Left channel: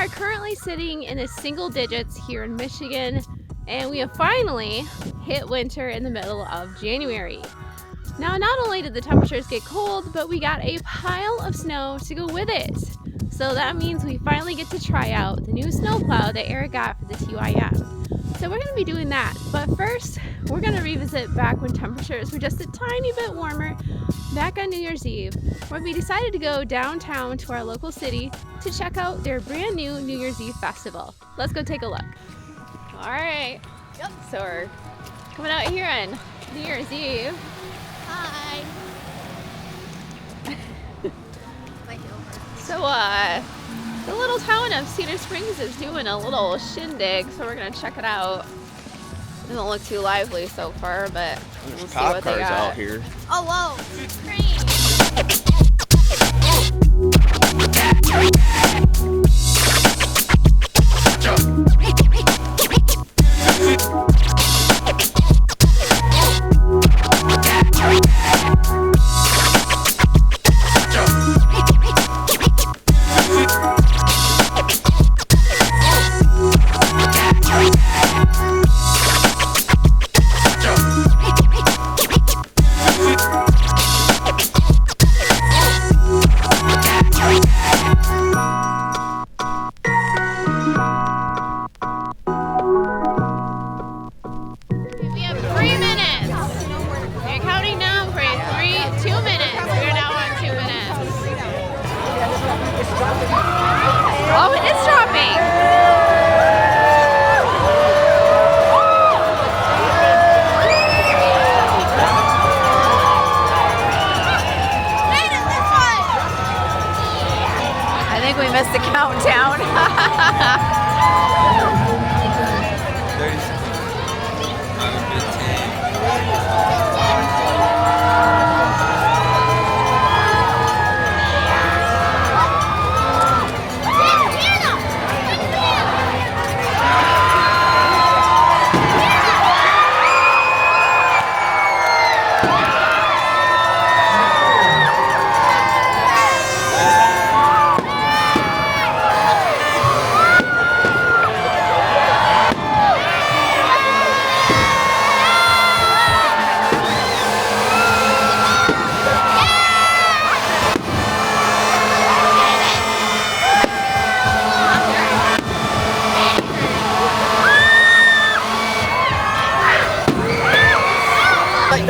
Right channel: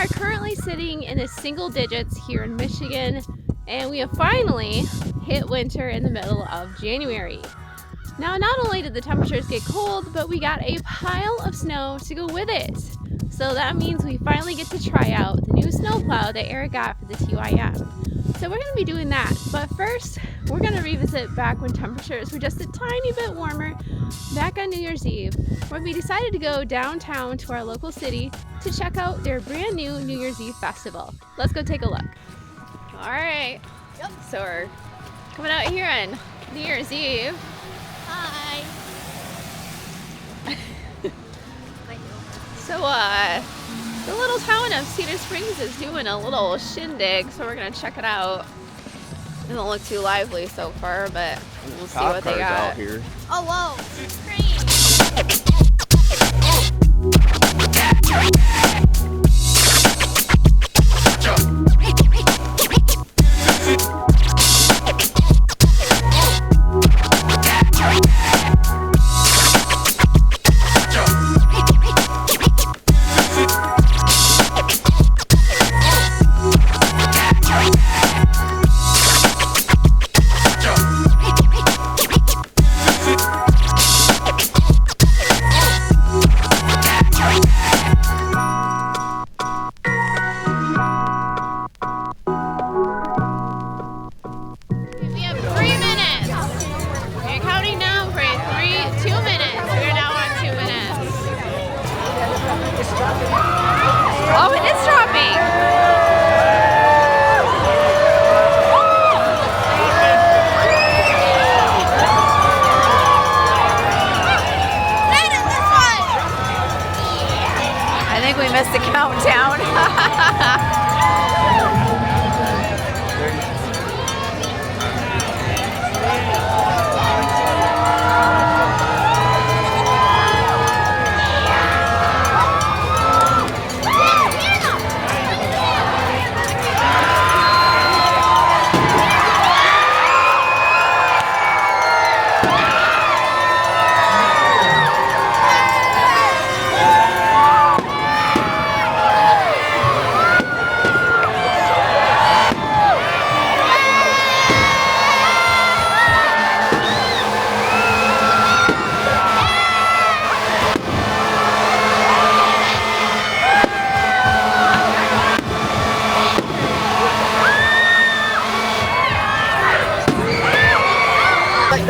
are currently sitting in the single digits here in Michigan, and we have finally hit winter in the middle of January. Now, not only did the temperatures get cold, but we got a pile of snow to go with it. So that means we finally get to try out the new snowplow that Eric got for the TYM. So we're going to be doing that, but first we're going to revisit back when temperatures were just a tiny bit warmer back on New Year's Eve, where we decided to go downtown to our local city to check out their brand new New Year's Eve festival. Let's go take a look. All right, yep. So we're coming out here on New Year's Eve. Hi. So the little town of Cedar Springs is doing a little shindig, so we're gonna check it out. Doesn't look too lively so far, but we'll see what they got. Here. Oh, whoa! Oh, it is dropping! I think we missed the countdown.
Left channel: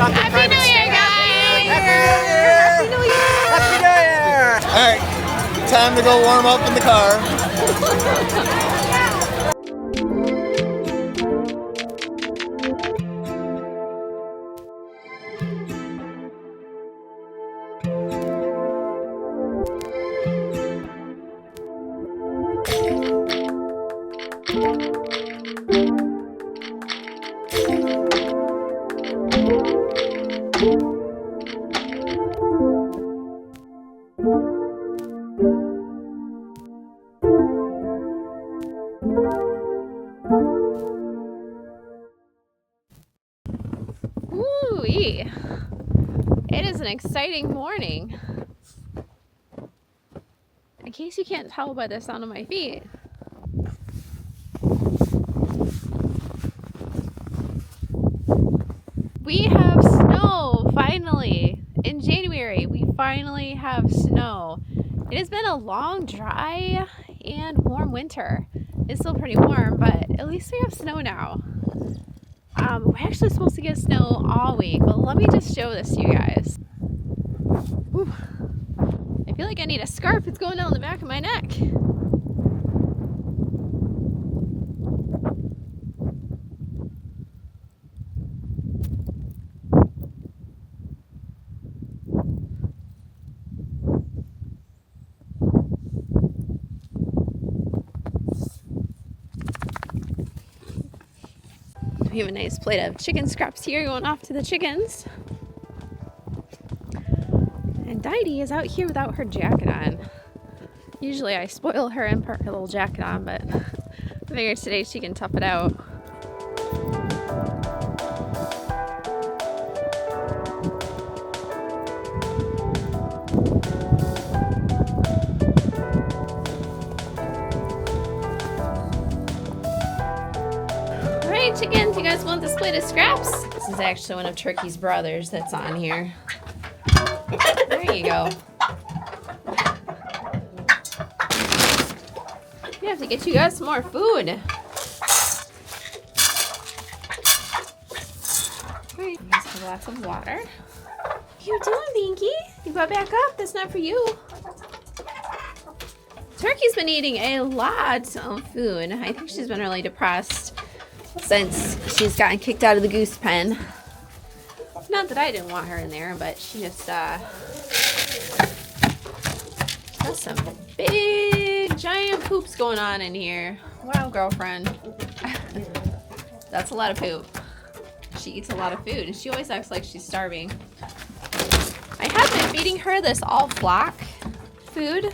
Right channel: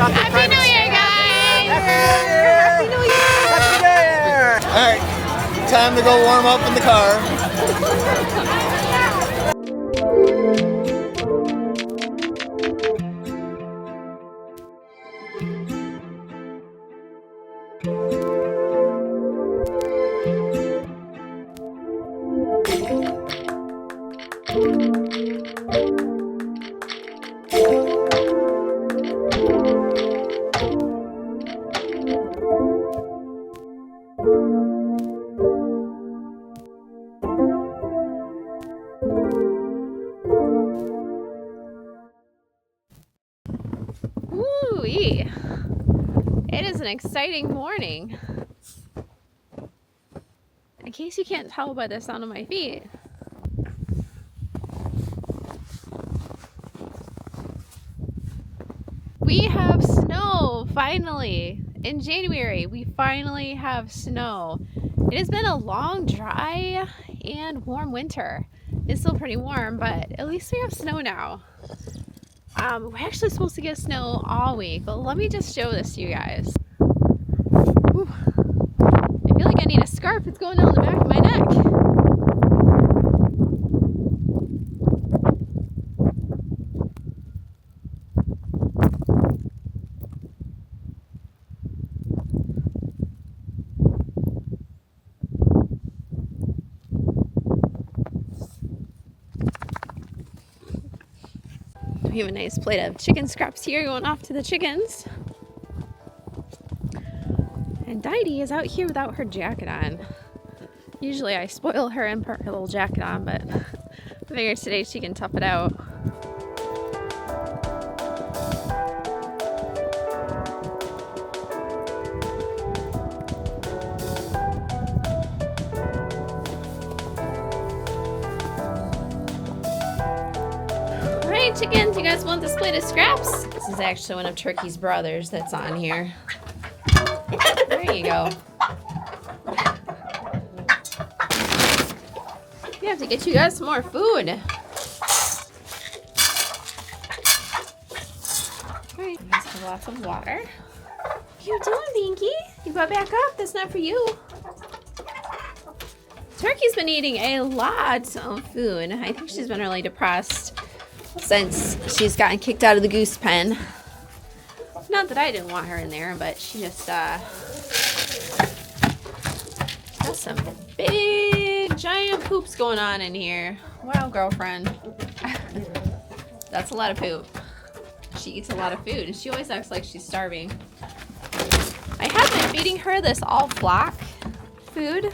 Happy New Year, guys! Happy New Year! Happy New Year! Alright, time to go warm up in the car. Woo-wee. It is an exciting morning. In case you can't tell by the sound of my feet. We have snow, finally. In January, we finally have snow. It has been a long, dry, and warm winter. It's still pretty warm, but at least we have snow now. We're actually supposed to get snow all week. Well, let me just show this to you guys. Whew. I feel like I need a scarf. It's going down the back of my neck. We have a nice plate of chicken scraps here going off to the chickens. And Didi is out here without her jacket on. Usually I spoil her and put her little jacket on, but I figured today she can tough it out. right, chickens, you guys want this plate of scraps? This is actually one of Turkey's brothers that's on here. There you go. We have to get you guys some more food. Alright, you guys have lots of water. What are you doing, Binky? You got back up. That's not for you. Turkey's been eating a lot of food. I think she's been really depressed since she's gotten kicked out of the goose pen. Not that I didn't want her in there, but she just got some big giant poops going on in here. Wow, girlfriend. That's a lot of poop. She eats a lot of food and she always acts like she's starving. I have been feeding her this all flock food.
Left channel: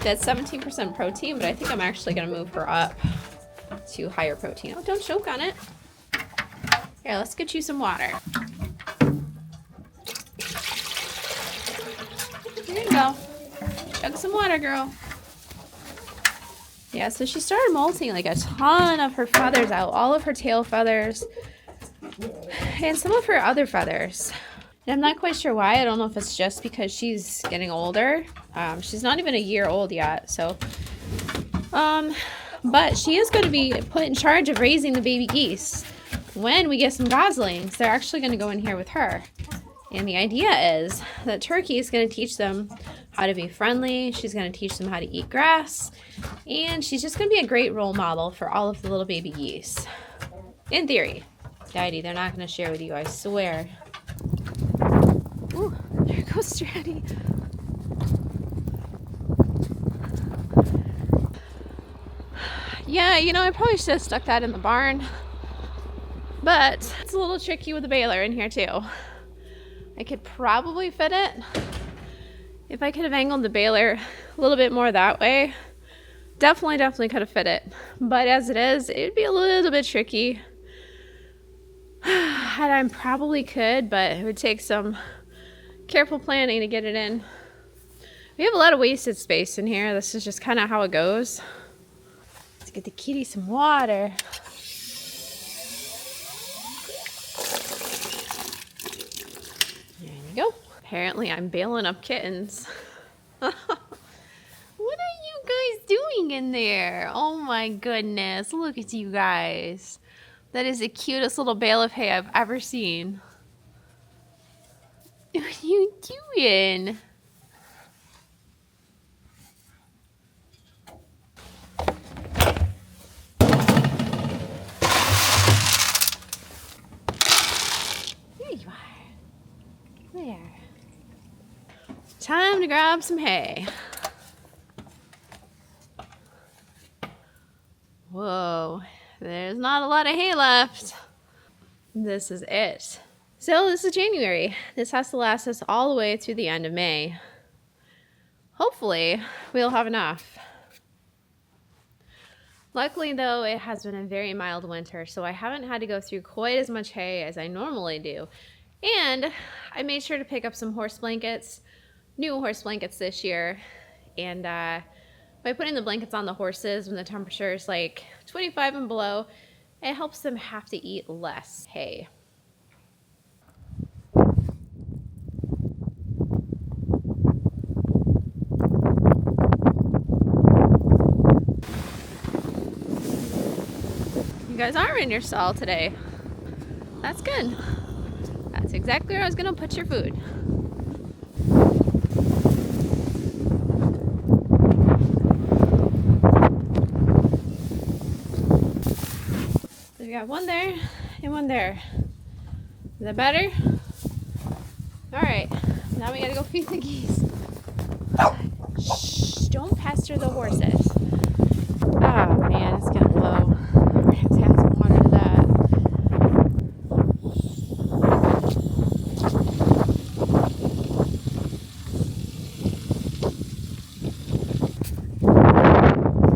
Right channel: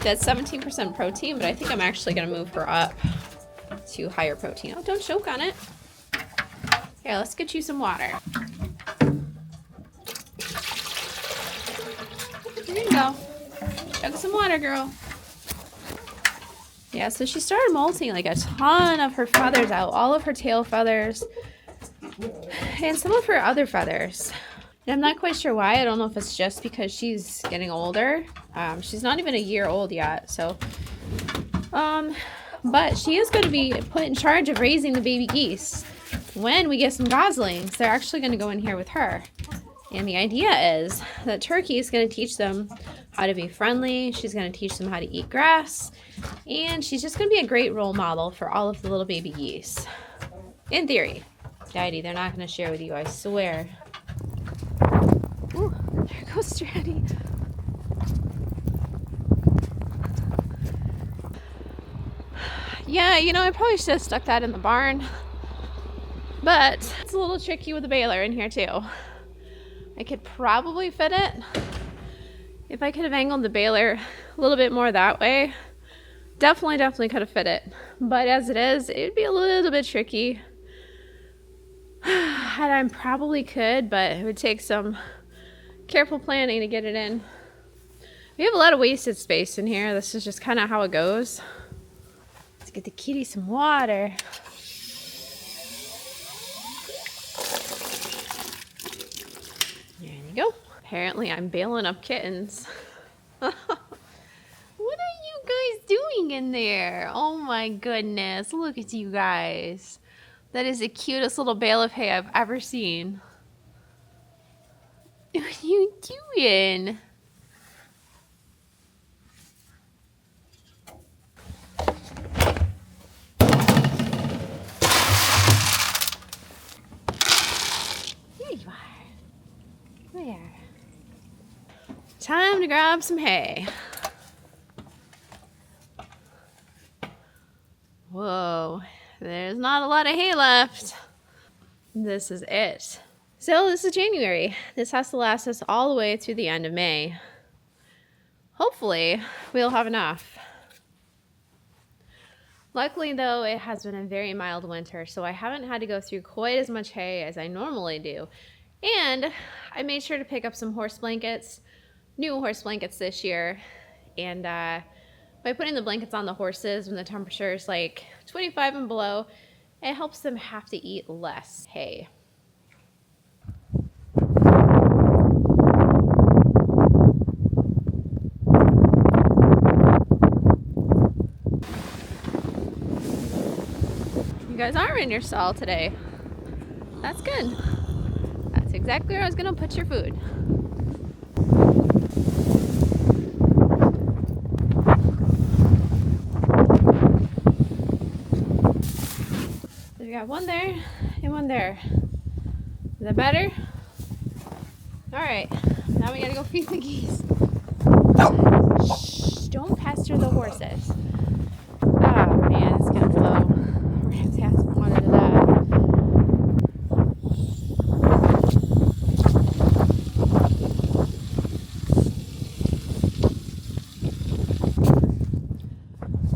That's 17% protein, but I think I'm actually gonna move her up to higher protein. Oh, don't choke on it. Here, let's get you some water. There you go. Chug some water, girl. Yeah, so she started molting like a ton of her feathers out, all of her tail feathers, and some of her other feathers. And I'm not quite sure why. I don't know if it's just because she's getting older. She's not even a year old yet, so. But she is going to be put in charge of raising the baby geese. When we get some goslings, they're actually going to go in here with her. And the idea is that Turkey is going to teach them how to be friendly. She's going to teach them how to eat grass. And she's just going to be a great role model for all of the little baby geese. In theory. Daddy, they're not going to share with you, I swear. Ooh, there goes Stratty. Yeah, you know, I probably should have stuck that in the barn. But it's a little tricky with the baler in here too. I could probably fit it if I could have angled the baler a little bit more that way. Definitely could have fit it. But as it is, it'd be a little bit tricky. And I probably could, but it would take some careful planning to get it in. We have a lot of wasted space in here. This is just kind of how it goes. Let's get the kitty some water. There you go. Apparently I'm bailing up kittens. What are you guys doing in there? Oh my goodness. Look at you guys. That is the cutest little bale of hay I've ever seen. What are you doing? There you are. There. Time to grab some hay. Whoa, there's not a lot of hay left. This is it. So this is January. This has to last us all the way through the end of May. Hopefully, we'll have enough. Luckily though, it has been a very mild winter, so I haven't had to go through quite as much hay as I normally do. And I made sure to pick up some horse blankets, new horse blankets this year. And by putting the blankets on the horses when the temperature is like 25 and below, it helps them have to eat less hay. You guys aren't in your stall today. That's good. That's exactly where I was gonna put your food. So we got one there and one there. Is that better? All right, now we gotta go feed the geese. Shh, don't pester the horses. Oh man, it's gonna blow. We're gonna have to add some water to that.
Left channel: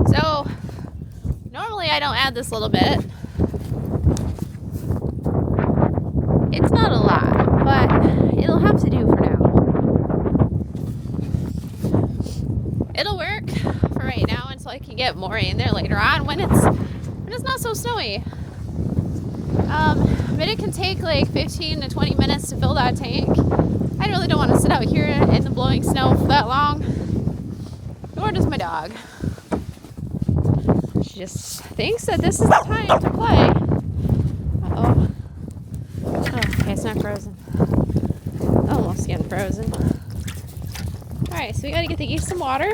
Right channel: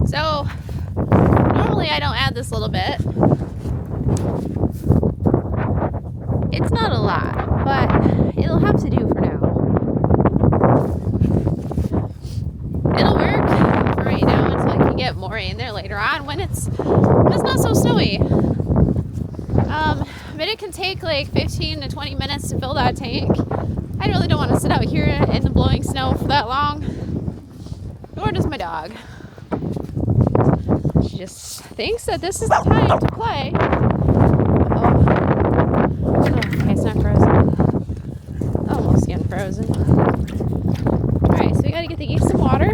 So, normally I don't add this little bit. It's not a lot, but it'll have to do for now. It'll work for right now until I can get more in there later on when it's not so snowy. But it can take like 15 to 20 minutes to fill that tank. I really don't want to sit out here in the blowing snow for that long. Nor does my dog. She just thinks that this is the time to play. Oh, okay, it's not frozen. Almost getting frozen. Alright, so we gotta get the geese some water.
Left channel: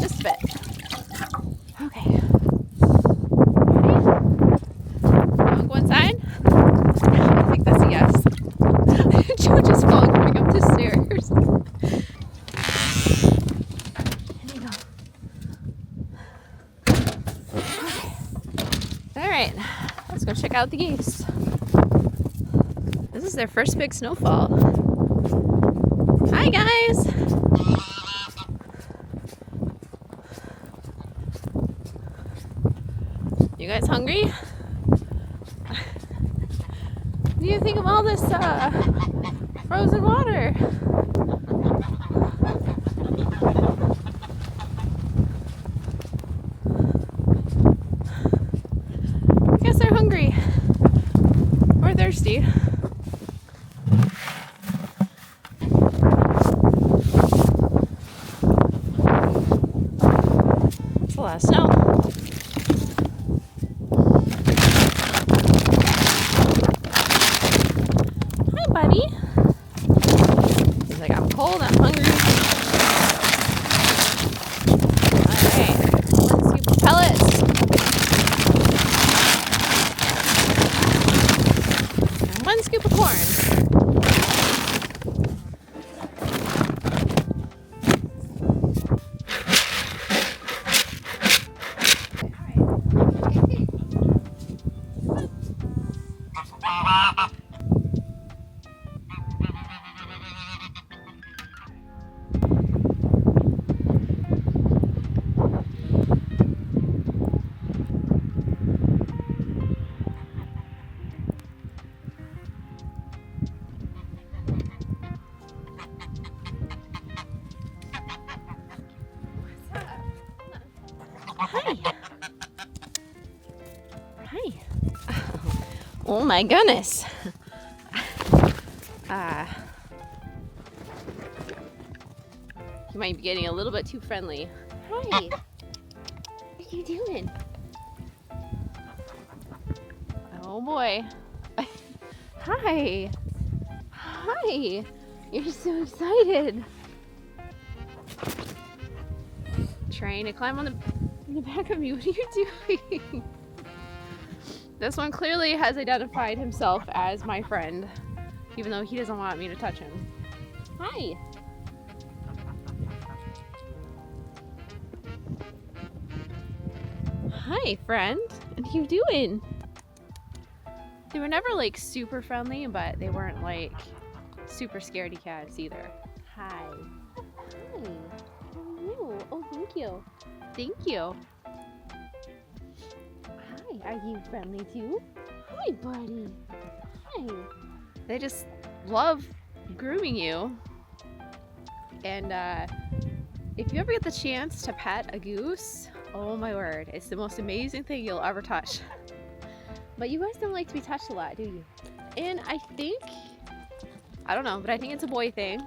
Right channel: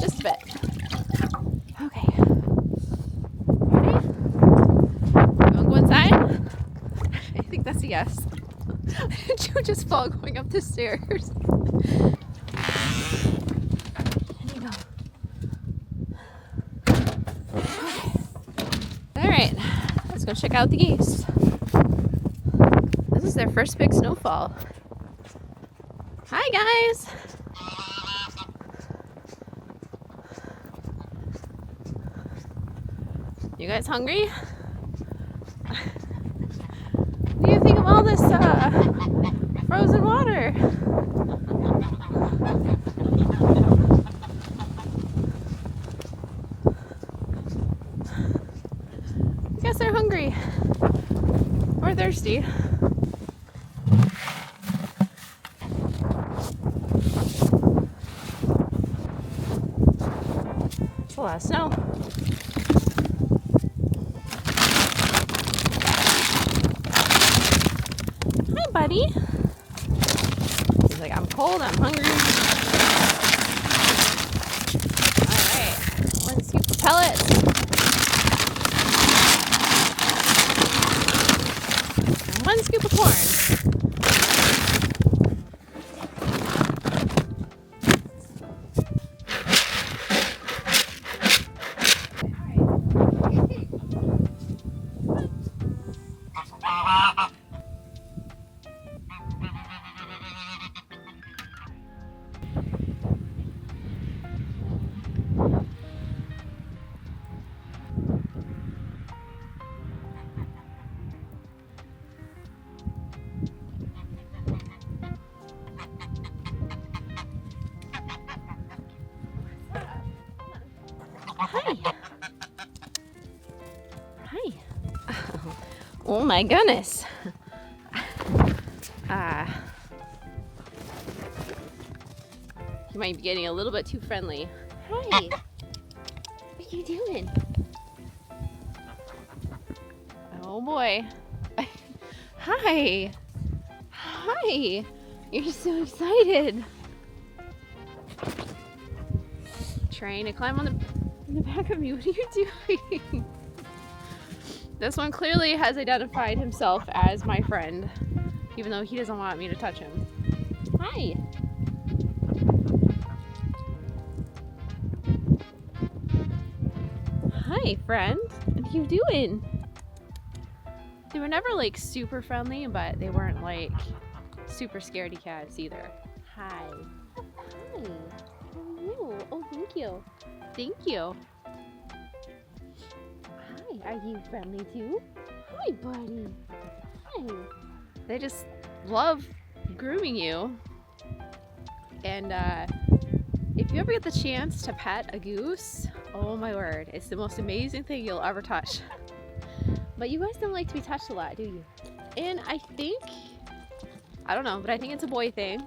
Just a bit. Okay. Ready? Wanna go inside? I think that's a yes. Joe just fell going up the stairs. There you go. Alright, let's go check out the geese. This is their first big snowfall. Hi guys! You guys hungry? What do you think of all this frozen water? I guess they're hungry or thirsty. It's a lot of snow. Hi, buddy. He's like, I'm cold, I'm hungry. Alright, 1 scoop of pellets. And 1 scoop of corn. Hi. Hi. Oh my goodness. You might be getting a little bit too friendly. Hi. What are you doing? Oh boy. Hi. Hi. You're so excited. Trying to climb on the back of me. What are you doing? This one clearly has identified himself as my friend, even though he doesn't want me to touch him. Hi. Hi, friend. What are you doing? They were never like super friendly, but they weren't like super scaredy cats either. Hi. Hi. How are you? Oh, thank you. Thank you. Hi, are you friendly too? Hi, buddy. Hi. They just love grooming you. And if you ever get the chance to pet a goose, oh my word, it's the most amazing thing you'll ever touch. But you guys don't like to be touched a lot, do you? And I think, I don't know, but I think it's a boy thing.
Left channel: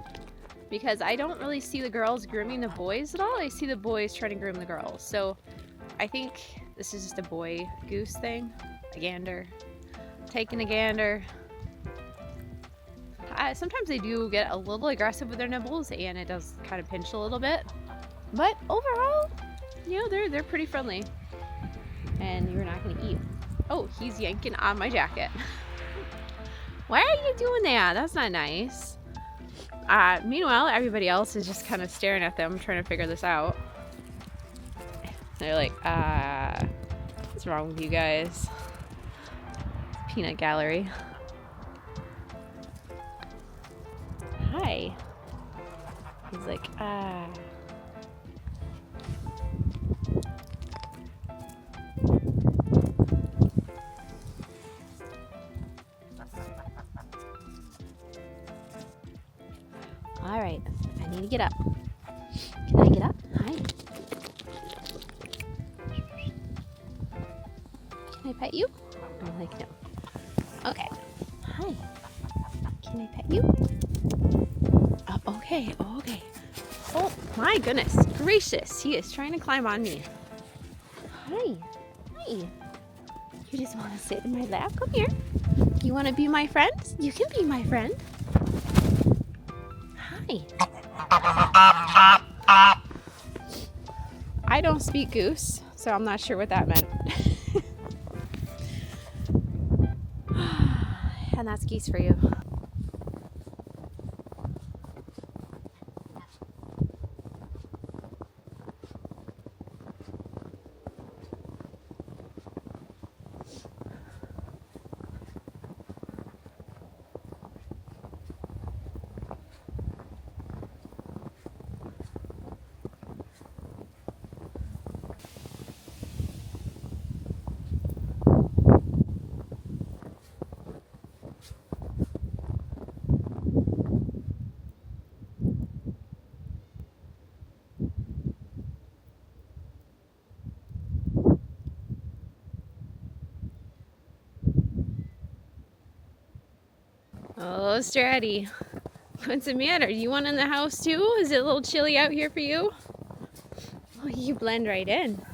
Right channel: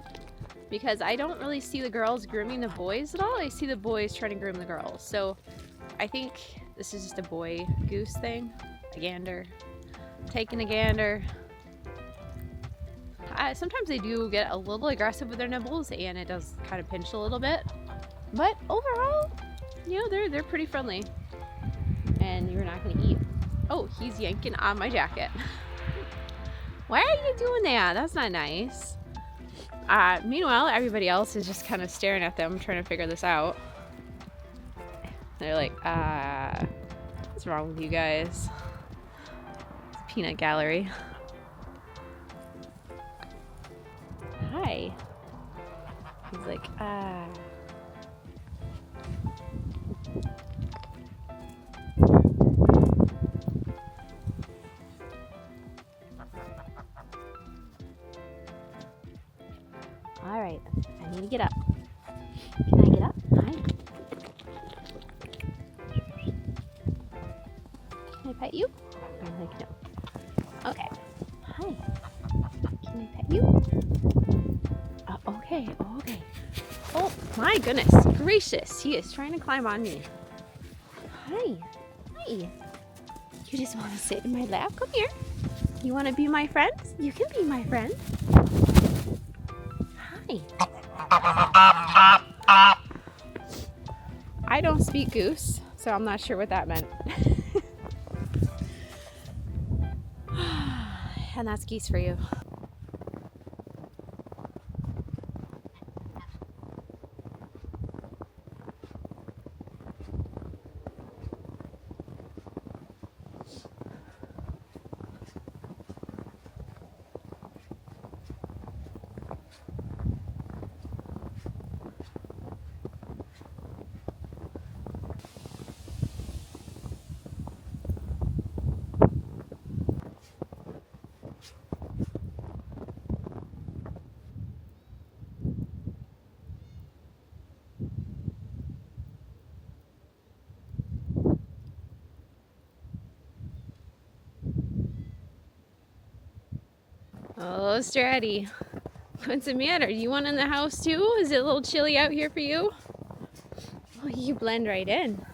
Because I don't really see the girls grooming the boys at all. I see the boys trying to groom the girls. So I think this is just a boy goose thing. A gander. Taking a gander. Sometimes they do get a little aggressive with their nibbles and it does kind of pinch a little bit. But overall, you know, they're pretty friendly. And you're not going to eat. Oh, he's yanking on my jacket. Why are you doing that? That's not nice. Meanwhile, everybody else is just kind of staring at them, trying to figure this out. They're like, what's wrong with you guys? Peanut gallery. Hi. He's like, All right, I need to get up. Can I get up? Hi. Can I pet you? I'm like, no. Okay. Hi. Can I pet you? Okay, okay. Oh my goodness gracious, he is trying to climb on me. Hi. Hi. You just want to sit in my lap? Come here. You want to be my friend? You can be my friend. Hi. I don't speak goose, so I'm not sure what that meant. And that's geese for you. Oh, Stratty, what's the matter? You want in the house too? Is it a little chilly out here for you? Oh, you blend right in.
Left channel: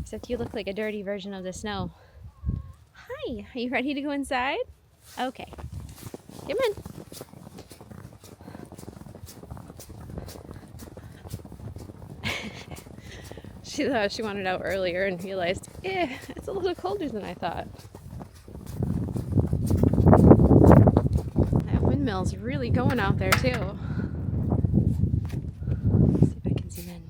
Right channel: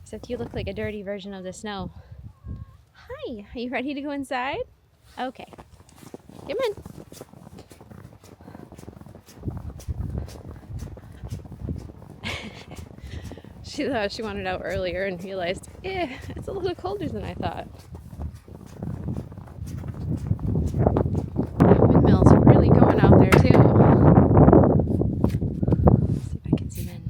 Except you look like a dirty version of the snow. Hi, are you ready to go inside? Okay, come in. She thought she wanted out earlier and realized, it's a little colder than I thought. That windmill's really going out there too. Let's see if I can zoom in.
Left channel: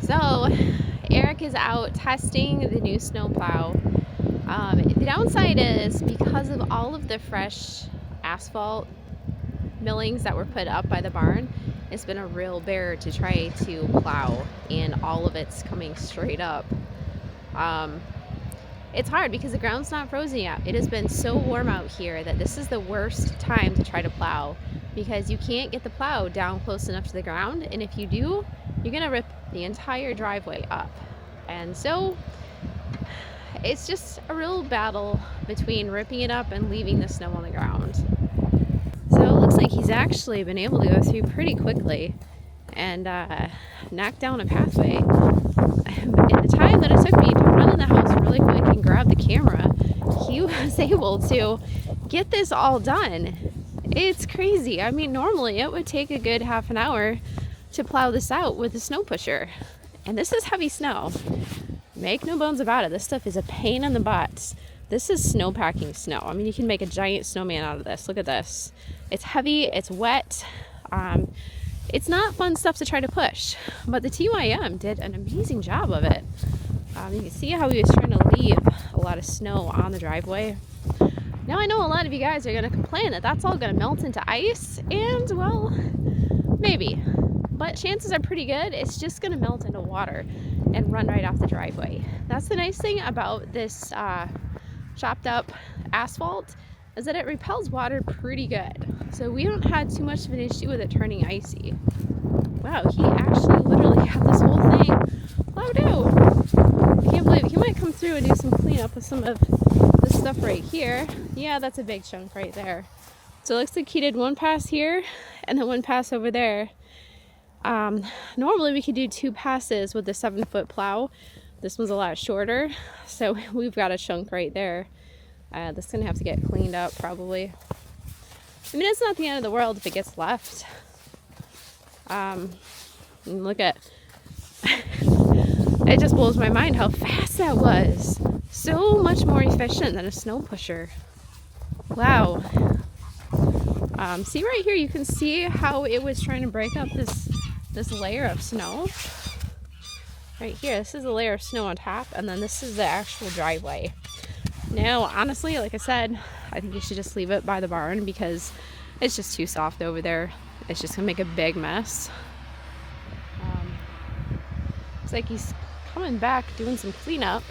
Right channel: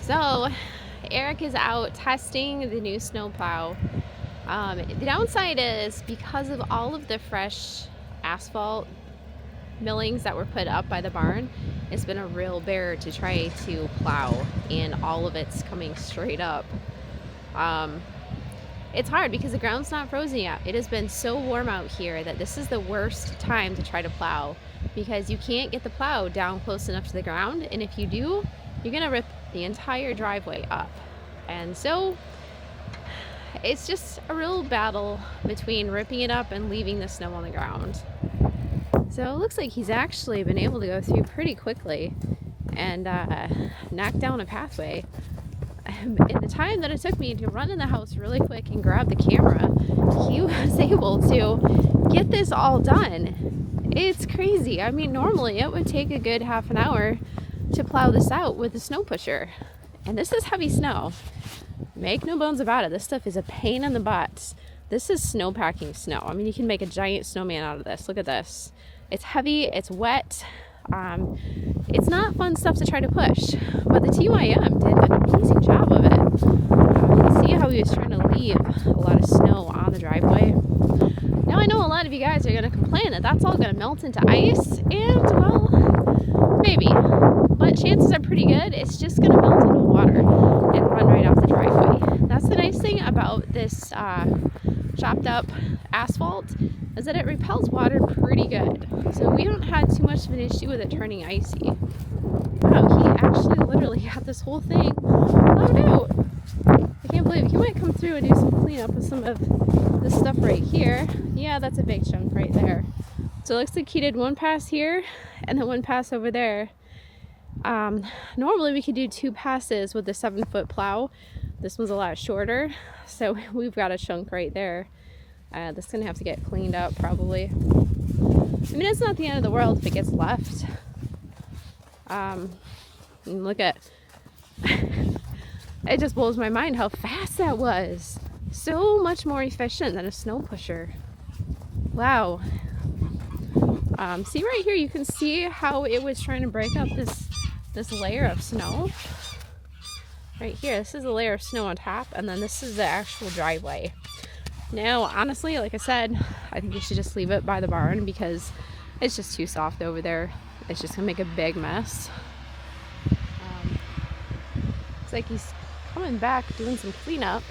So Eric is out testing the new snowplow. The downside is because of all of the fresh asphalt millings that were put up by the barn, it's been a real bear to try to plow, and all of it's coming straight up. It's hard because the ground's not frozen yet. It has been so warm out here that this is the worst time to try to plow because you can't get the plow down close enough to the ground, and if you do, you're gonna rip the entire driveway up. And so it's just a real battle between ripping it up and leaving the snow on the ground. So it looks like he's actually been able to go through pretty quickly and knock down a pathway. In the time that it took me to run in the house really quick and grab the camera, he was able to get this all done. It's crazy. I mean, normally it would take a good half an hour to plow this out with a snow pusher. And this is heavy snow. Make no bones about it. This stuff is a pain in the butt. This is snow packing snow. I mean, you can make a giant snowman out of this. Look at this. It's heavy, it's wet. It's not fun stuff to try to push, but the TYM did an amazing job of it. You can see how he was trying to leave a lot of snow on the driveway. Now I know a lot of you guys are going to complain that that's all going to melt into ice, and well, maybe. But chances are pretty good it's just going to melt into water and run right off the driveway. That's the nice thing about this chopped up asphalt, is that it repels water pretty good. So we don't have too much of an issue with it turning icy. Wow, he actually literally got this whole thing plowed out. I can't believe it. He might come through and do some cleanup with some of this stuff right here. Yeah, that's a big chunk right there. So it looks like he did one pass here and then one pass over there. Normally we could do 2 passes with the 7-foot plow. This one's a lot shorter, so we've got a chunk right there. This is gonna have to get cleaned up probably. I mean, it's not the end of the world if it gets left. And look at, it just blows my mind how fast that was. So much more efficient than a snow pusher. Wow. See right here, you can see how it was trying to break up this layer of snow. Right here, this is a layer of snow on top, and then this is the actual driveway. Now, honestly, like I said, I think you should just leave it by the barn because it's just too soft over there. It's just gonna make a big mess. Looks like he's coming back doing some cleanup.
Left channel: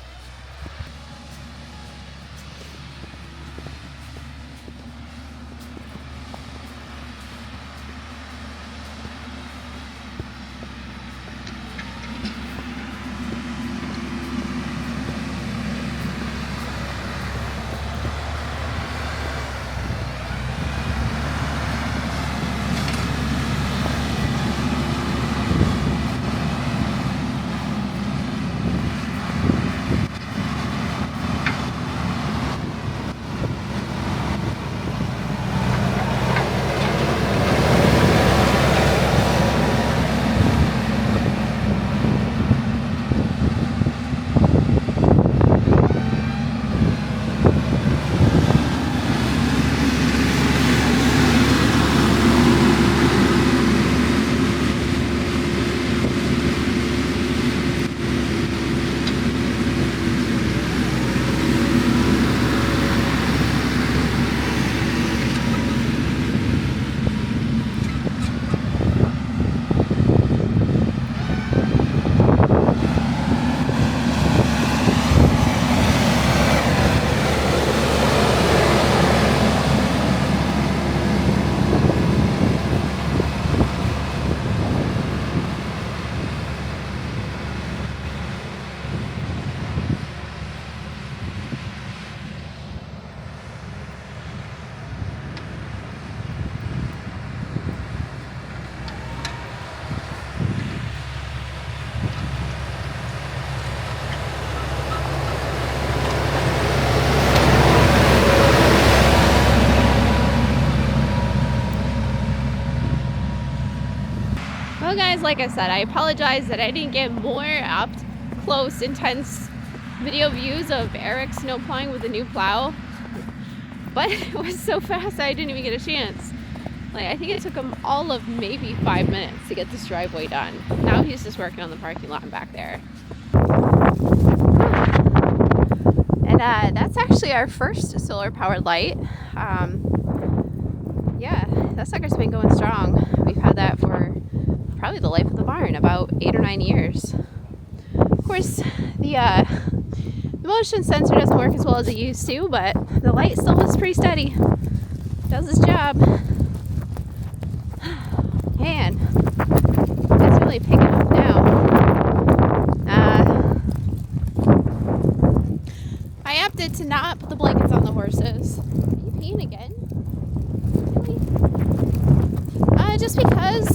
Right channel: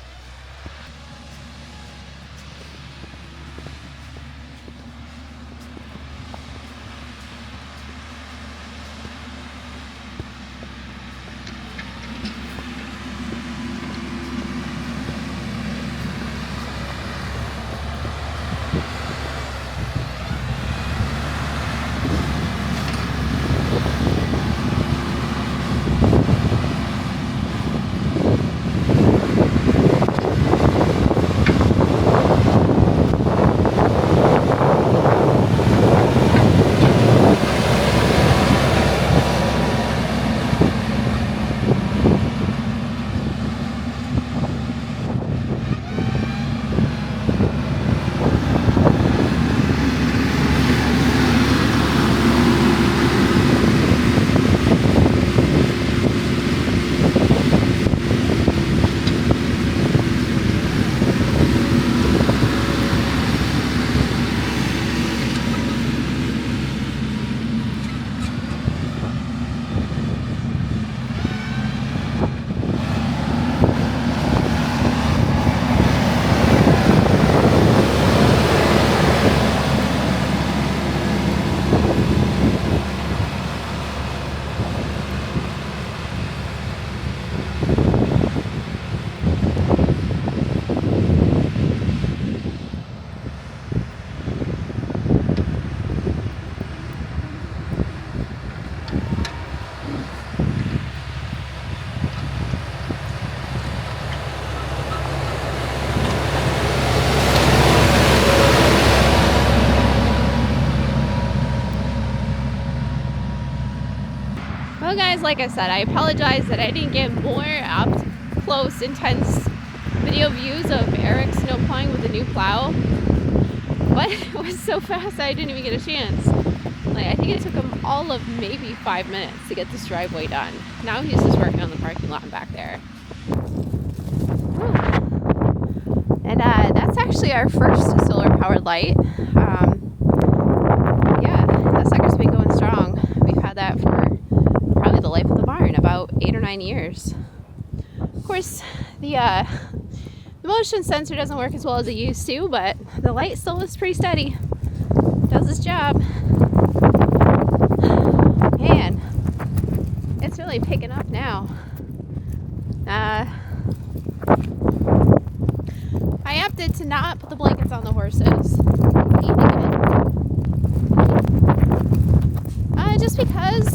Well guys, like I said, I apologize that I didn't get more up close, intense video views of Eric snow plowing with a new plow. But it was so fast I didn't even get a chance. Like, I think it took him all of maybe 5 minutes to get this driveway done. Now he's just working on the parking lot back there. And that's actually our first solar powered light. Yeah, that sucker's been going strong. We've had that for probably the life of the barn, about 8 or 9 years. Of course, the motion sensor doesn't work as well as it used to, but the light still is pretty steady. Does its job. Man, it's really picking up now. I opted to not put the blankets on the horses. Eating again. Just because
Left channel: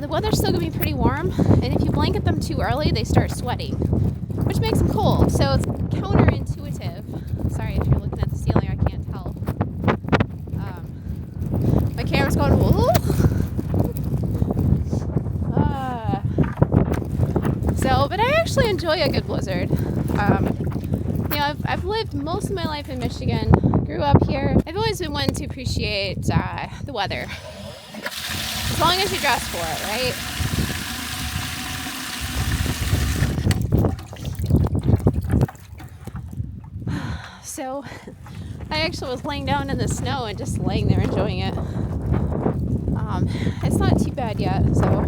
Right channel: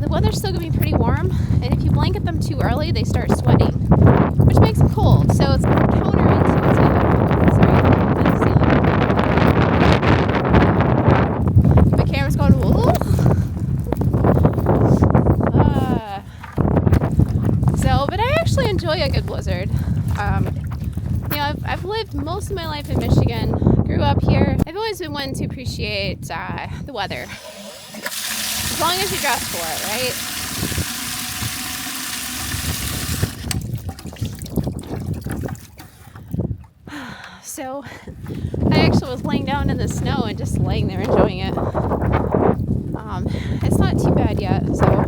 the weather's still gonna be pretty warm, and if you blanket them too early, they start sweating, which makes them cold. So it's counterintuitive. Sorry, that's the ceiling. The camera's going, whoa. But I actually enjoy a good blizzard. You know, I've lived most of my life in Michigan, grew up here. I've always been one to appreciate the weather. As long as you dress for it, right? So I actually was laying down in the snow and just laying there enjoying it. It's not too bad yet, so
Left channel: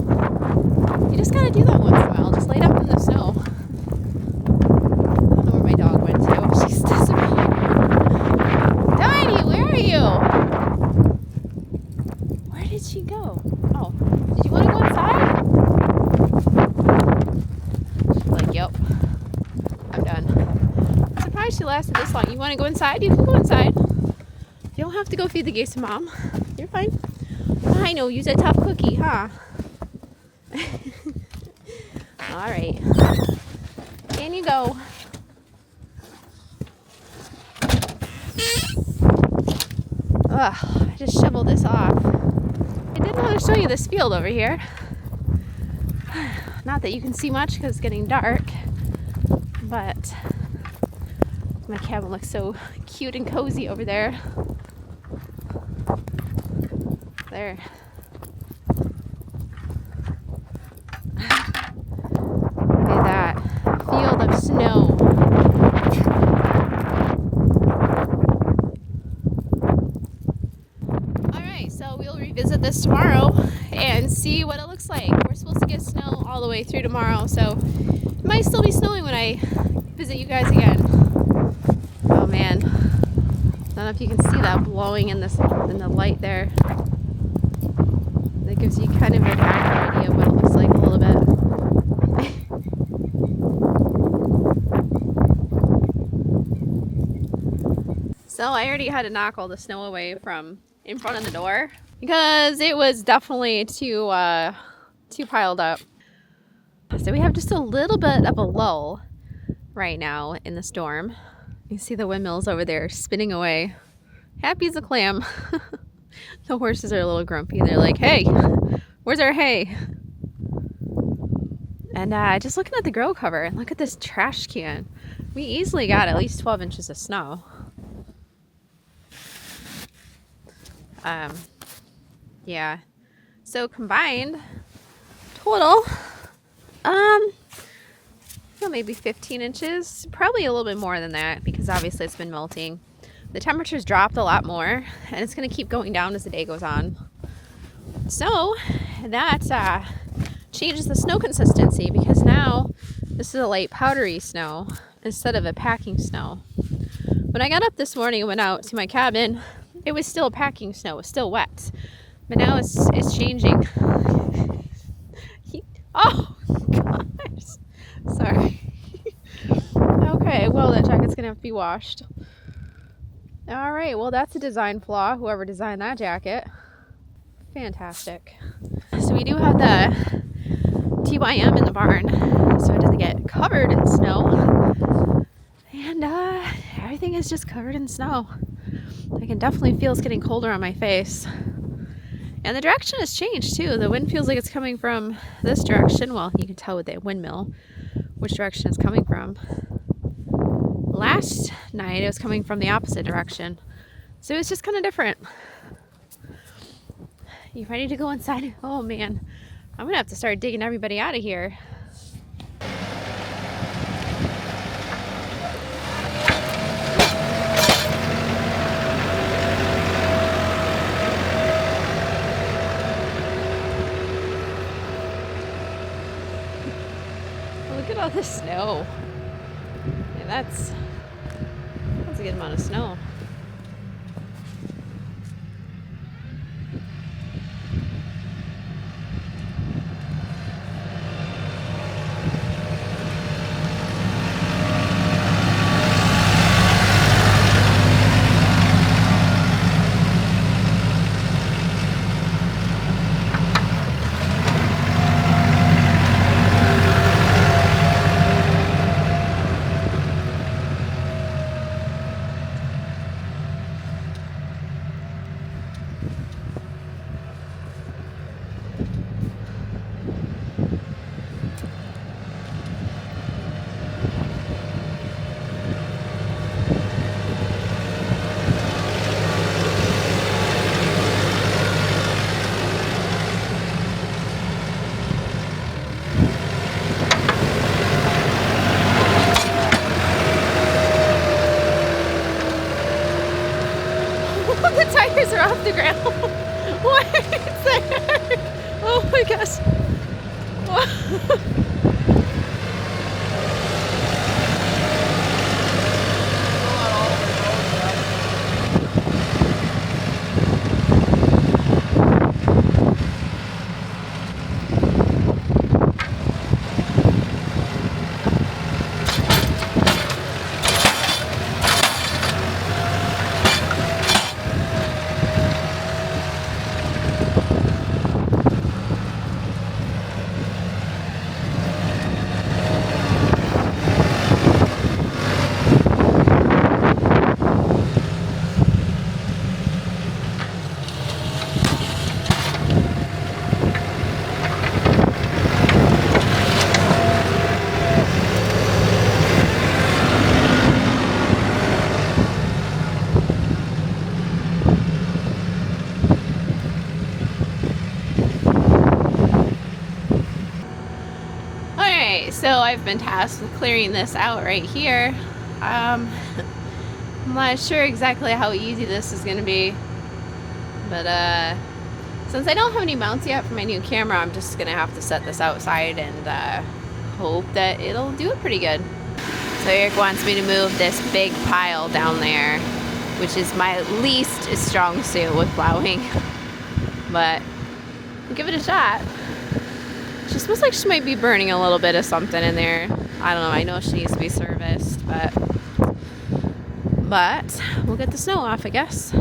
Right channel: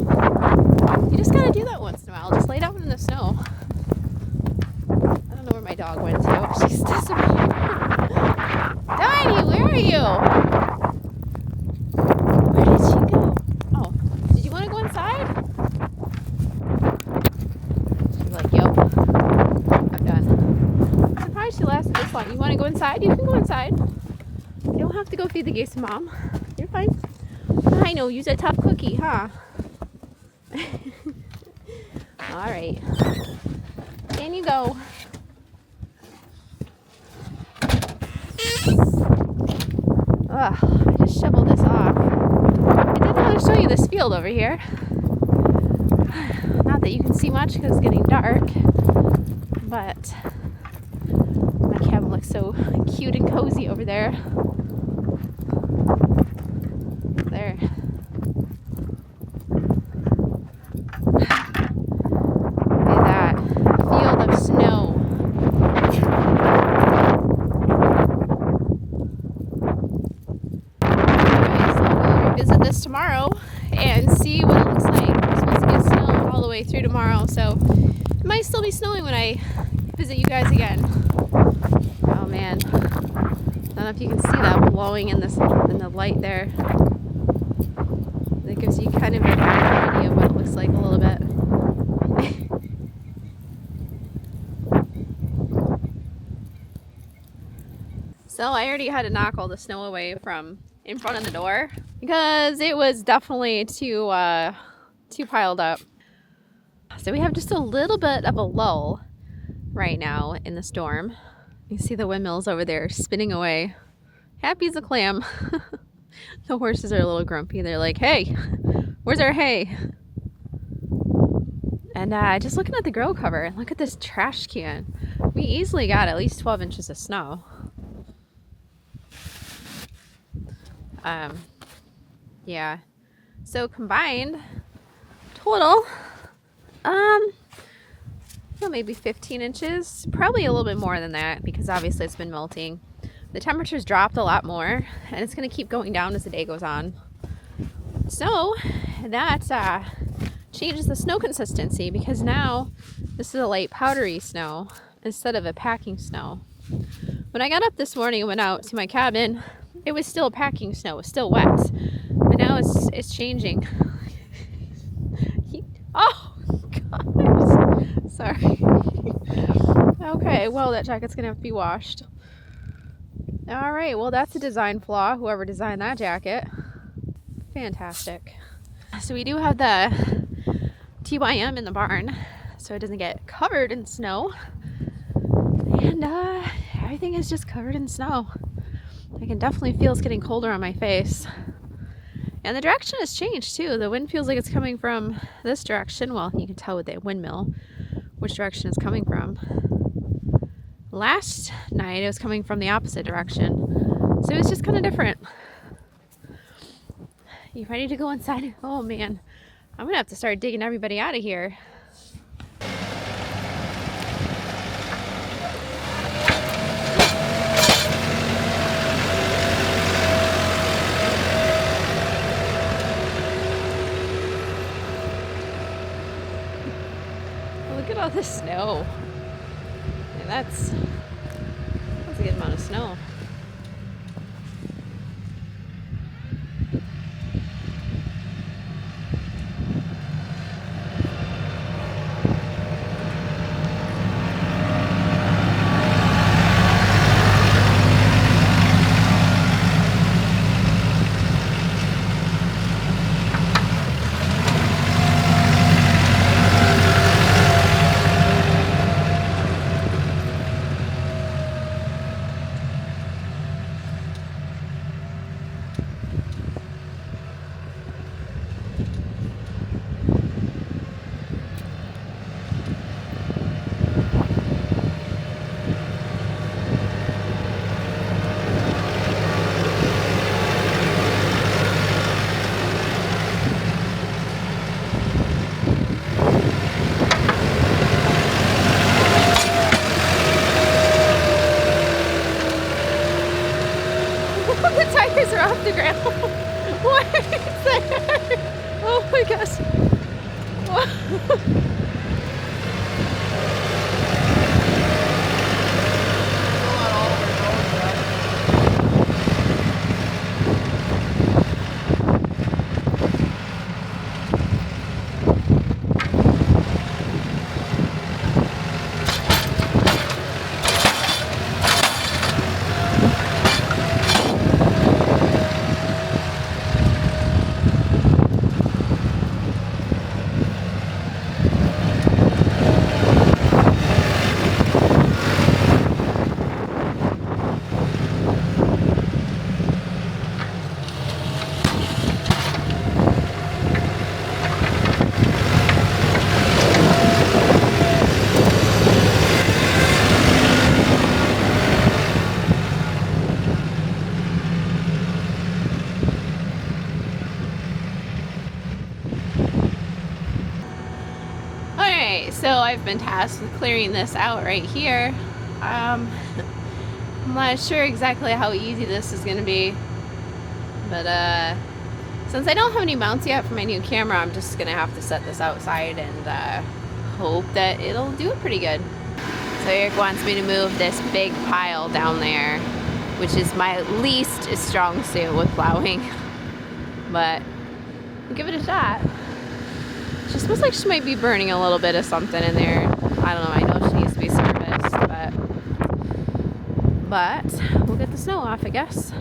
you just gotta do that once in a while. Just laid up in the snow. I don't know where my dog went to. She's disappeared. Tiny, where are you? Where did she go? Oh, did you want to go inside? She's like, yep, I'm done. I'm surprised she lasted this long. You want to go inside? You can go inside. You don't have to go feed the geese to Mom. You're fine. I know, you're a tough cookie, huh? All right. In you go. Ugh, I just shoveled this off. I did want to show you this field over here. Not that you can see much because it's getting dark, but my cabin looks so cute and cozy over there. There. Look at that field of snow. Alright, so we'll revisit this tomorrow and see what it looks like. We're supposed to get snow all the way through tomorrow, so it might still be snowing when I visit you guys again. Oh man. I don't know if you can see that blowing in the light there. That gives you kind of an accurate idea of what it looks like a little bit. So I already had to knock all the snow away from in front of the door because it was definitely too piled up. So we have just a little bit of a lull right now in the storm. You see the windmills over there spinning away. Happy as a clam. The horses are a little grumpy. They're like, hey, where's our hay? And just looking at the grow cover, look at this trash can. We easily got at least 12 inches of snow. Yeah. So combined, total, maybe 15 inches. Probably a little bit more than that because obviously it's been melting. The temperature's dropped a lot more, and it's going to keep going down as the day goes on. So that changes the snow consistency because now this is a light powdery snow instead of a packing snow. When I got up this morning and went out to my cabin, it was still packing snow. It was still wet, but now it's changing. Oh gosh, sorry. Okay, well that jacket's gonna have to be washed. All right, well that's a design flaw, whoever designed that jacket. Fantastic. So we do have the TYM in the barn, so it doesn't get covered in snow. And everything is just covered in snow. I can definitely feel it's getting colder on my face. And the direction has changed too. The wind feels like it's coming from this direction. Well, you can tell with the windmill which direction it's coming from. Last night it was coming from the opposite direction. So it's just kind of different. You ready to go inside? Oh man, I'm gonna have to start digging everybody out of here. Look at all this snow. And that's a good amount of snow. Alright, so I've been tasked with clearing this out right here. I'm not sure exactly how easy this is going to be, but since I don't have any mounts yet for my new camera, I'm just going to have to set this outside and hope that it'll do it pretty good. So Eric wants me to move this big pile down there, which is my least strong suit with plowing, but we'll give it a shot. She smells like she might be burning a little bit of something in there. I don't know, I know she needs to be serviced, but we'll get the snow off, I guess.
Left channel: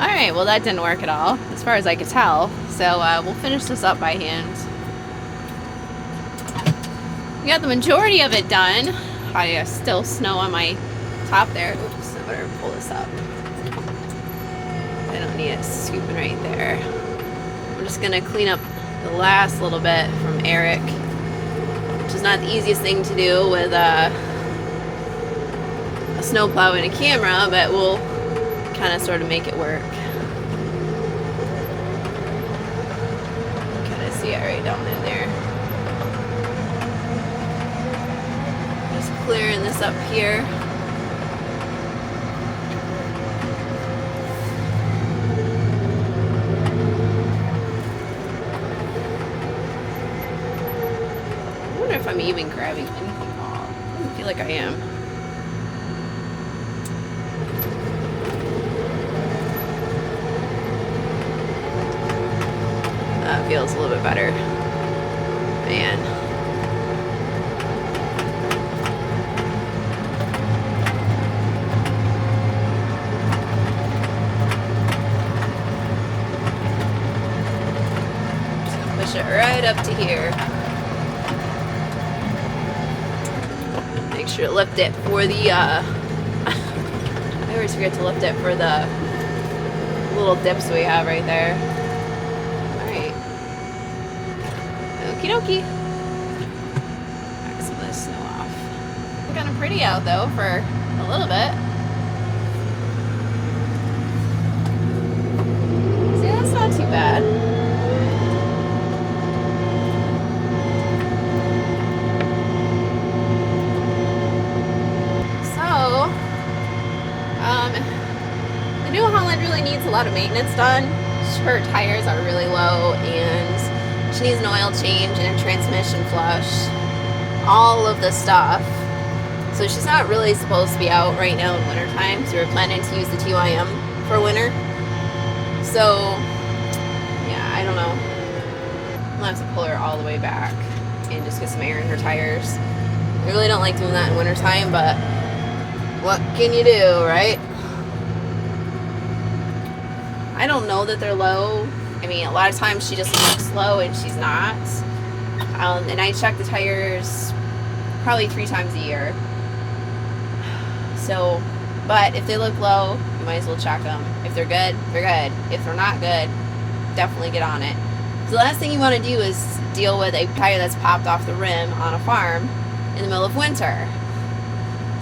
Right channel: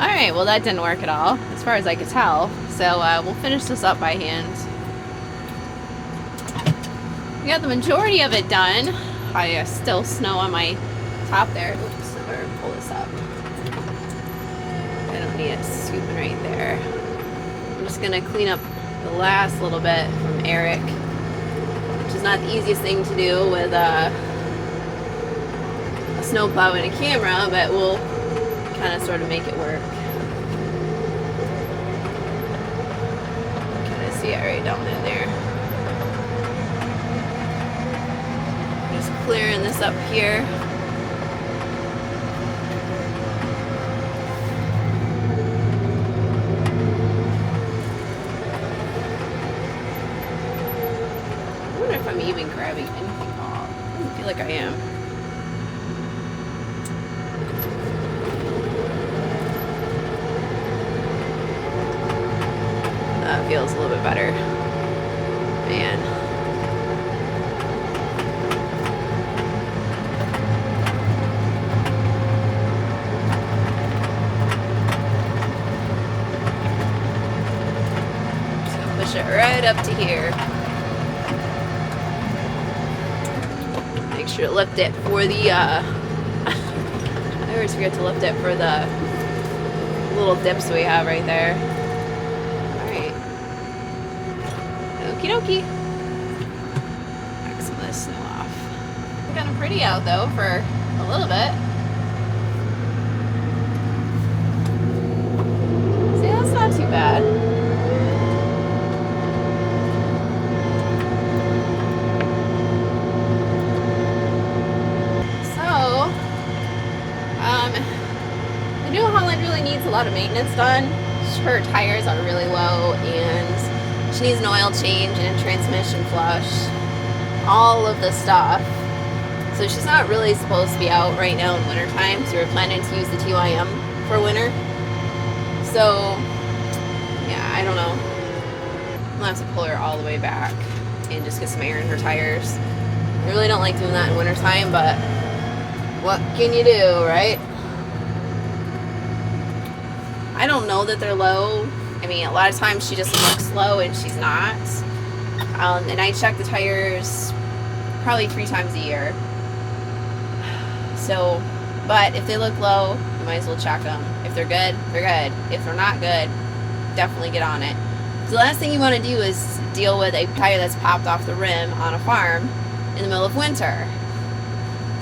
Alright, well that didn't work at all, as far as I could tell. So we'll finish this up by hand. We got the majority of it done. I still snow on my top there. Oops, I better pull this up. I don't need it scooping right there. I'm just gonna clean up the last little bit from Eric, which is not the easiest thing to do with a snowplow and a camera, but we'll kind of sort of make it work. Kind of see it right down in there. Just clearing this up here. I wonder if I'm even grabbing anything off. I don't feel like I am. That feels a little bit better. Man. Just gonna push it right up to here. Make sure to lift it for the I always forget to lift it for the little dips we have right there. Okie dokie. Back some of this snow off. Kind of pretty out though for a little bit. See, that's not too bad. So, the New Holland really needs a lot of maintenance done. Her tires are really low and she needs an oil change and a transmission flush, all of the stuff. So she's not really supposed to be out right now in winter time, so we're planning to use the TYM for winter. So, yeah, I don't know. I'll have to pull her all the way back and just get some air in her tires. I really don't like doing that in winter time, but what can you do, right? I don't know that they're low. I mean, a lot of times she just looks low and she's not. And I check the tires probably 3 times a year. So, but if they look low, you might as well check them. If they're good, they're good. If they're not good, definitely get on it. So the last thing you want to do is deal with a tire that's popped off the rim on a farm in the middle of winter.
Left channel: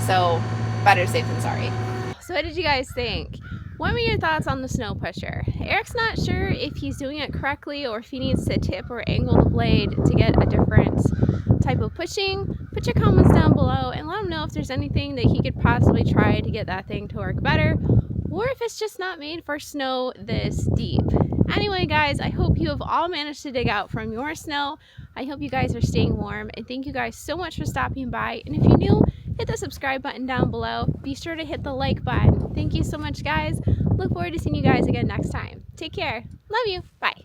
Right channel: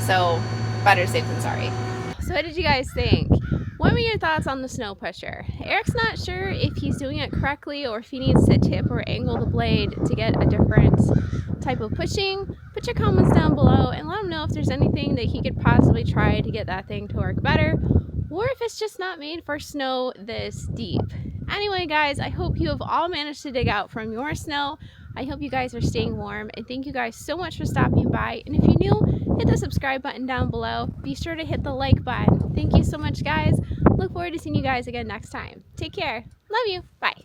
So, better safe than sorry. So what did you guys think? What were your thoughts on the snow pusher? Eric's not sure if he's doing it correctly or if he needs to tip or angle the blade to get a different type of pushing. Put your comments down below and let him know if there's anything that he could possibly try to get that thing to work better, or if it's just not made for snow this deep. Anyway guys, I hope you have all managed to dig out from your snow. I hope you guys are staying warm, and thank you guys so much for stopping by. And if you're new, hit the subscribe button down below. Be sure to hit the like button. Thank you so much guys. Look forward to seeing you guys again next time. Take care. Love you. Bye.